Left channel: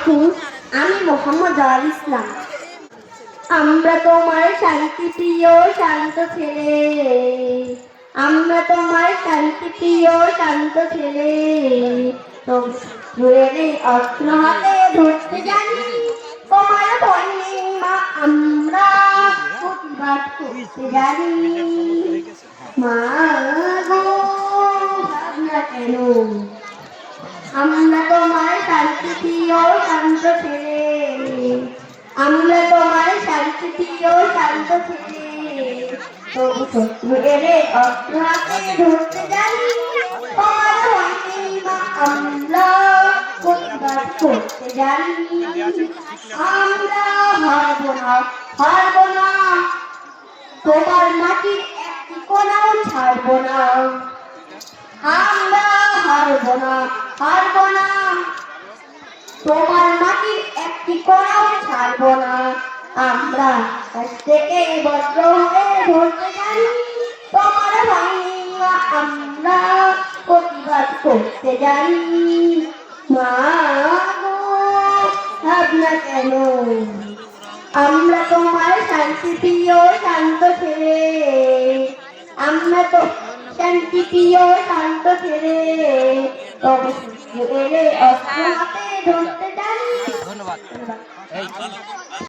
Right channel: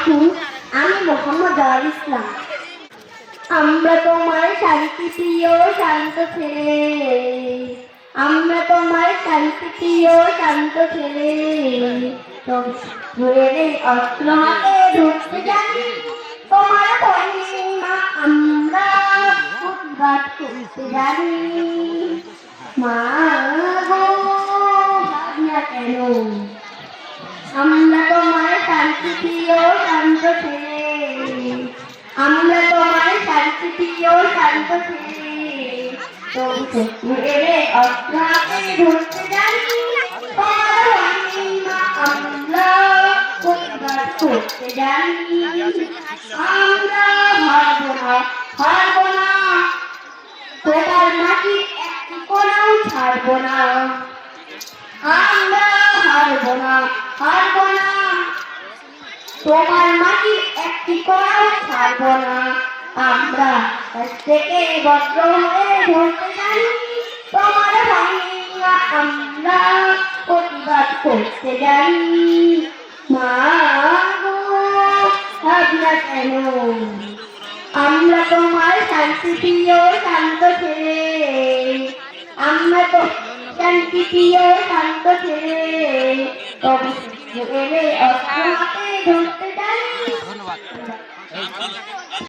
আলাইকুম, আমি মোহাম্মদ আল ইসলাম। আমরা তোমার শান্তি প্রিয় শান্ত ছেলে, আমরা তোমার শান্তি প্রিয় শান্ত ছেলে। তবে অস্ত্র হাতে ধরতে জানি, তোমার মহিমা আমরা প্রতিবাদ করতে জানি। মা গো, ভাবনা কেন, আমরা তোমার শান্তি প্রিয় শান্ত ছেলে, আমরা তোমার শান্তি প্রিয় শান্ত ছেলে। তবু শত্রু এলে অস্ত্র হাতে ধরতে জানি, তোমার মহিমা আমরা প্রতিবাদ করতে জানি। আমরা হারব না, হারব না, তোমার মাটির একটি কোণাও ছাড়ব না। আমরা হারব না, হারব না, তোমার মাটির একটি কোণাও ছাড়ব না। আমরা কাছ থেকে বজ্র হয়ে ধরতে জানি, তোমার মহিমা আমরা প্রতিবাদ করতে জানি। মা গো, ভাবনা কেন, আমরা তোমার শান্তি প্রিয় শান্ত ছেলে, আমরা তো শান্তি প্রিয় শান্ত ছেলে। তবে এলে অস্ত্র হাতে ধরতে জানি,